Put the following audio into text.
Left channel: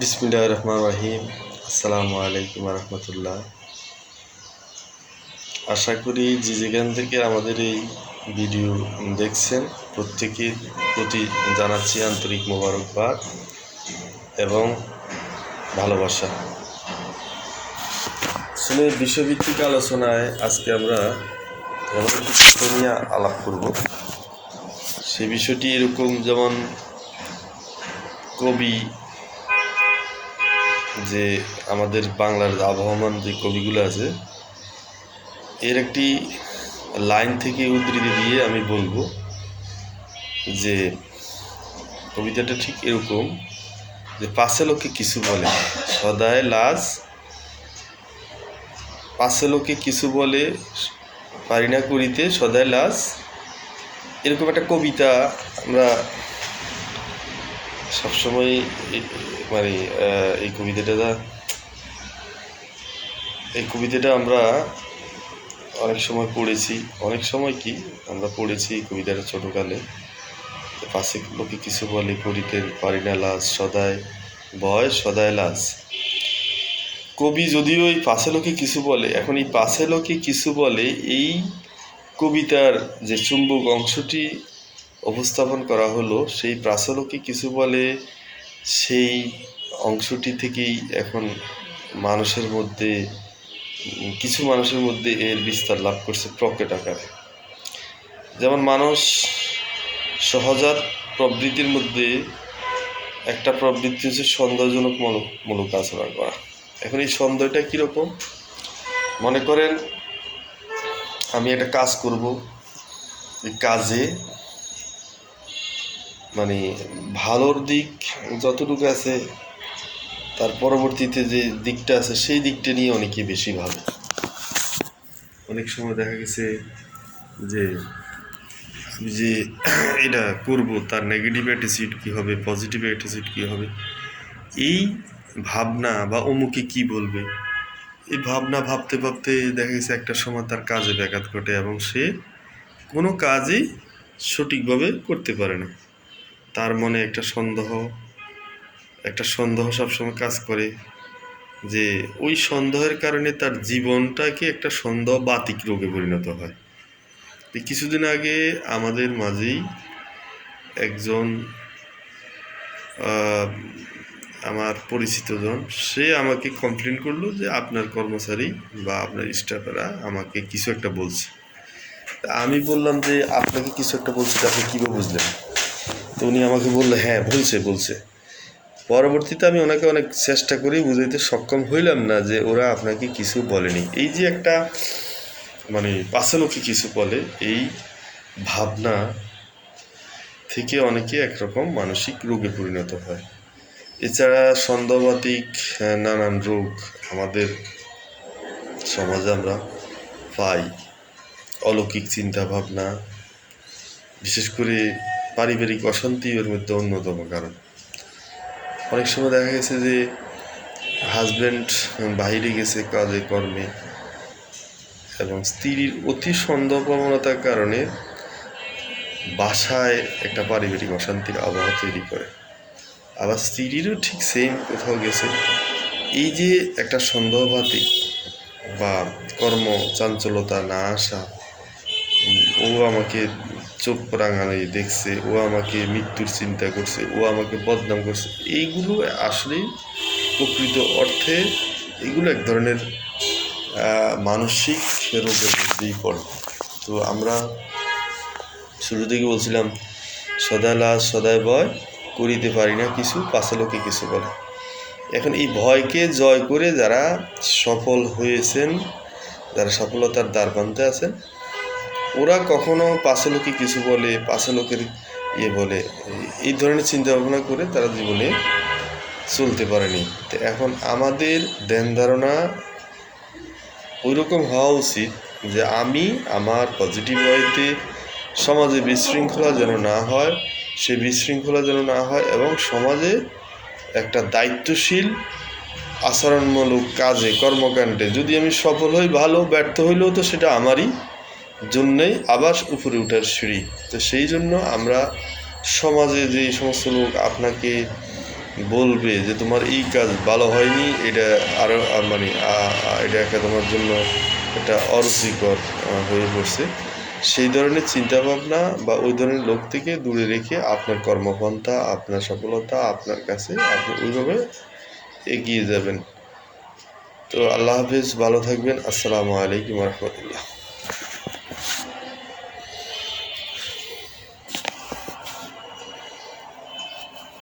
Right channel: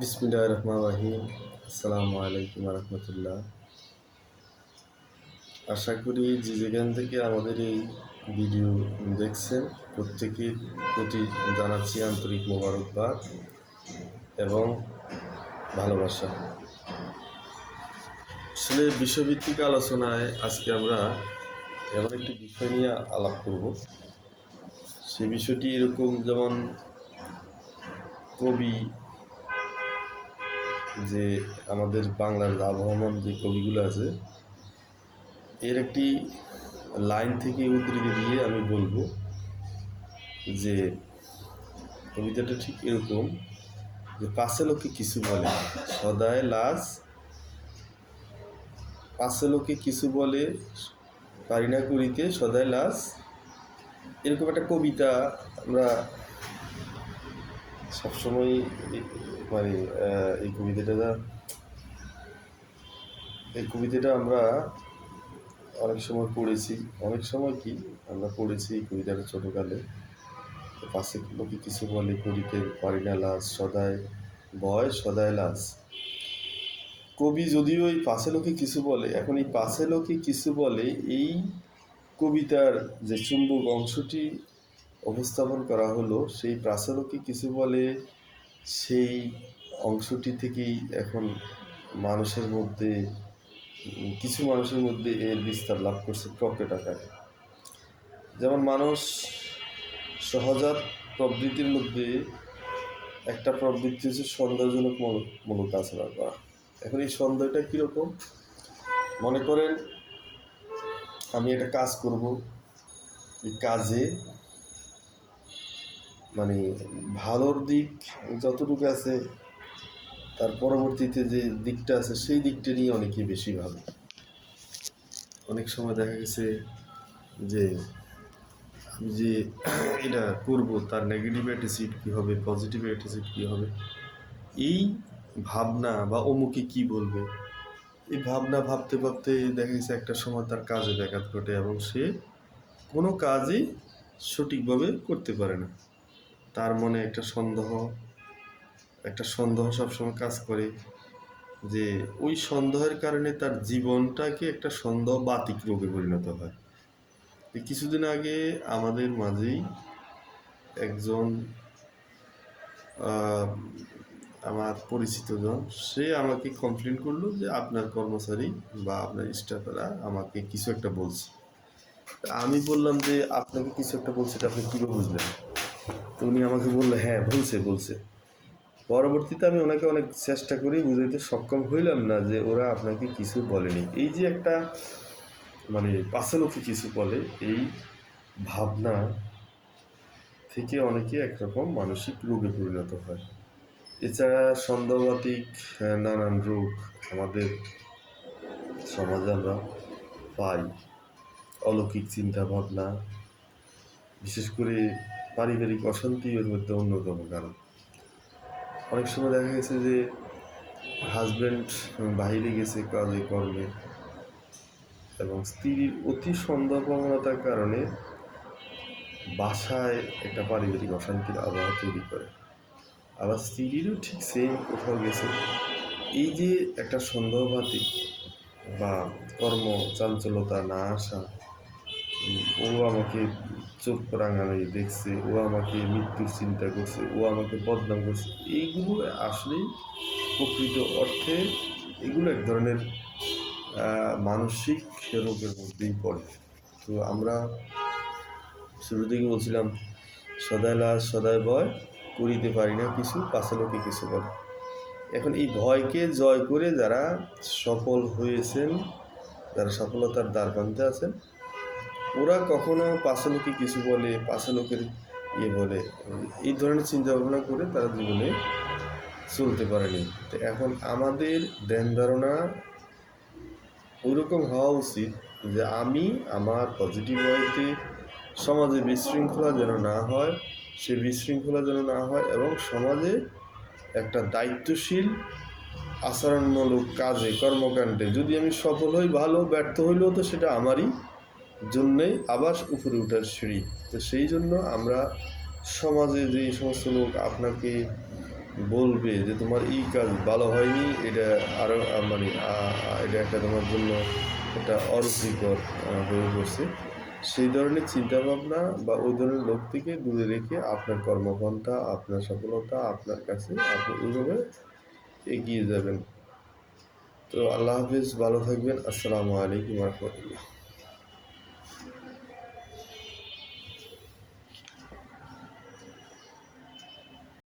বিসমিল্লাহ রহমান রহিম আসসালামু আলাইকুম রহমতুল্লাহ আশা করি যে যেখান থেকে আমাদের এই ভিডিও দেখছেন প্রত্যেকের প্রতি জানাচ্ছি আন্তরিক মোবারকবাদ এবং ভালোবাসা। আসলে বিষয়ভিত্তিক আলোচনায় আজকে আমরা এমন নিয়ে আলাপ করব। সে বিষয়টি এরকম যেমন কবি যে আমাদের বাংলার আবহমান যে কবিগুলো আছে, এর একটি লাইন থেকে উদ্ধৃতি দিয়ে আমি বলব যে কবিতাটা ঠিক এরকম যে পাশে লোকে কিছু বলে, সদায় লাজ। পাশে লোকে কিছু বলে পারি না করিতে সদায় লাজ। এরকম একটা কবিতা আমরা সবসময় মানে এই কবিতাটা এই কবিতাটা আমরা অনেক সময় পড়েছি। অনেক সময় কি, আমরা পড়েছি এই কবিতাটা ছোটোকালে। পাশে লোকে কিছু বলে করিতে পারি না লাজ, সদায় ভয় সদায় লাজ। কবি যদিও এই পাশে লোকে কিছু বলে, এখন এই পাশে লোকে কিছু বলে, এই কবিতার যে চুম্বক অংশটি উপস্থাপন করা হলো, সেই প্রাচলকে কিছু বলে সেই অংশটি থেকেই এখন মানুষের মধ্যে, কিছু মানুষের মধ্যে এর বিস্তার লাভ করছে প্রকেট আকারে। যেমন মানুষ সহজাত প্রবৃত্তির মধ্যে একটা প্রবৃত্তি হচ্ছে সন্দেহজনক মূলক মূলক আচরণ করা। এখন এই সন্দেহটা কীরকম? মনে করেন, আমি একটা কাজ করব, এই কাজে মানে ভালোর দিক যতটুকু আছে, তার পরবর্তীতে যে দিকটা আছে, সেই দিকটা নিয়ে অনেকে বেশি ভাবে। অনেক সময় দেখা গেছে যে আমি যে এটা করব, তার নেগেটিভ অ্যাটিচিউড কী হবে পজিটিভ অ্যাটিচিউড কী হবে, এই ভাবনা বা অমুকে কি বলবে, এই ভাবনা ভাবতে ভাবতে দেখা গেছে একটা সময় তার কাজে ব্যাঘাত ঘটে এবং সে কোনো কাজই সঠিকভাবে করতে পারে না। তার মনে একটা সন্দেহ একটা সন্দেহ সবসময় কাজ করে যে ওই সন্দেহের কারণে তার জীবনটাকে একটা সন্দেহ বাতিক রোগে পরিণত হয়। কিছুদিন আগে আমাদের মাঝেই একজন আমার পরিচিতজন সে আমাকে কমপ্লেন করল যে আপনার কর্মচারী বা আপনার স্টাফেরা আমাকে কিছু একটা বলছে। আমি বললাম যে, আপনাকে কিছু একটা বলছে আপনি কীভাবে বুঝলেন? তো উনি আমাকে বলল হ্যাঁ বলছে বলছে। পরবর্তীতে আমি ওনাকে অনেক চেষ্টা করি বুঝাইতে, সক্ষম হইলাম না যে ওরা আপনাকে কিছু বলেনি। এই যে একটা মানে পাশে লোকে কিছু বলে, এই ভাবনা থেকে অনেকে একরকম মানসিক রোগে পরিণত হয়। এছাড়া সন্দেহবাতিক নানান রোগ আমাদের সমাজে আমরা পাই। অলৌকিক চিন্তা ভাবনা বিশেষ করে পারিবারিক অশান্তি এর মধ্যে অন্যতম কারণ। অনেক সময় দেখা গেছে যে হাজব্যান্ড বাইরে গেছে কাজে, কর্মে, এবং স্ত্রীর অতি সন্দেহ প্রবণতার কারণে বাসায় একটা পারিবারিক অশান্তির আবহাওয়া তৈরি করে। আবার স্ত্রীরও ঠিক সেম কোথাও গেছে। এই যে একটা সন্দেহবাতিক বা কর্ম চাঞ্চলতা না আসা ও আমাকে চোখ রাঙানি দেখছে, ও আমাকে মৃত্যুর চিন্তা করছে, ও আমাকে বদনাম করছে। এইগুলো আসলেই প্রকৃত অর্থে এগুলো এক ধরনের মানসিক রোগের মধ্যেই পড়ে। তো আমরা শুরু থেকে বলছিলাম সদায় লাজ সদায় ভয়, করিতে পারি না কিছু পাশে লোকে কিছু বলে। এখন এই ভয়কে জয় করে যারা সফল হয়েছেন, যারা সফলতার দ্বার প্রান্তে আছেন ওরা কখনো পাশে লোকে কিছু বলে পাশে লোকের ইয়ে বলে, এই- ধরনের চিন্তা ভাবনা করে তারা জীবনে চলতে পারেনি। তো এখন আমাদের ধ্যান ধারণা ওই রকম হওয়া উচিত যে আমি আমার পজিটিভ ওয়েতে সমাজে বিশৃঙ্খলা যেন না হয়, সে বিশৃঙ্খলা যেন না হয় এবং সমাজে একটা দায়িত্বশীল, আচরণমূলক কাজে, কর্মকাণ্ডে যদি আমি সফল হই, ভালো, ব্যর্থ হইলেও তো সেটা আমারই। জন্যই আবার উপরে ওঠার সিঁড়ি। তো সেই জন্য আমরা সমাজে যে সমস্ত লোক আপনাকে বলবে যে তোমার এই কাজ ভালো হয়নি, এটা আরও মানে এটা একটা তোমার জন্য এটা অরুচিকর হয়ে পড়ছে। সেই ধরনের চিন্তাভাবনা বা ওই ধরনের লোক থেকে দূরে রেখে আপনার কর্মপন্থা, আপনার সফলতা, আপনার কাছে আপনি ওইভাবে এগিয়ে যাবেন। তো আল্লাহ হাফিজ, ভালো থাকবেন। আসসালামু আলাইকুম রহমতুল্লাহ।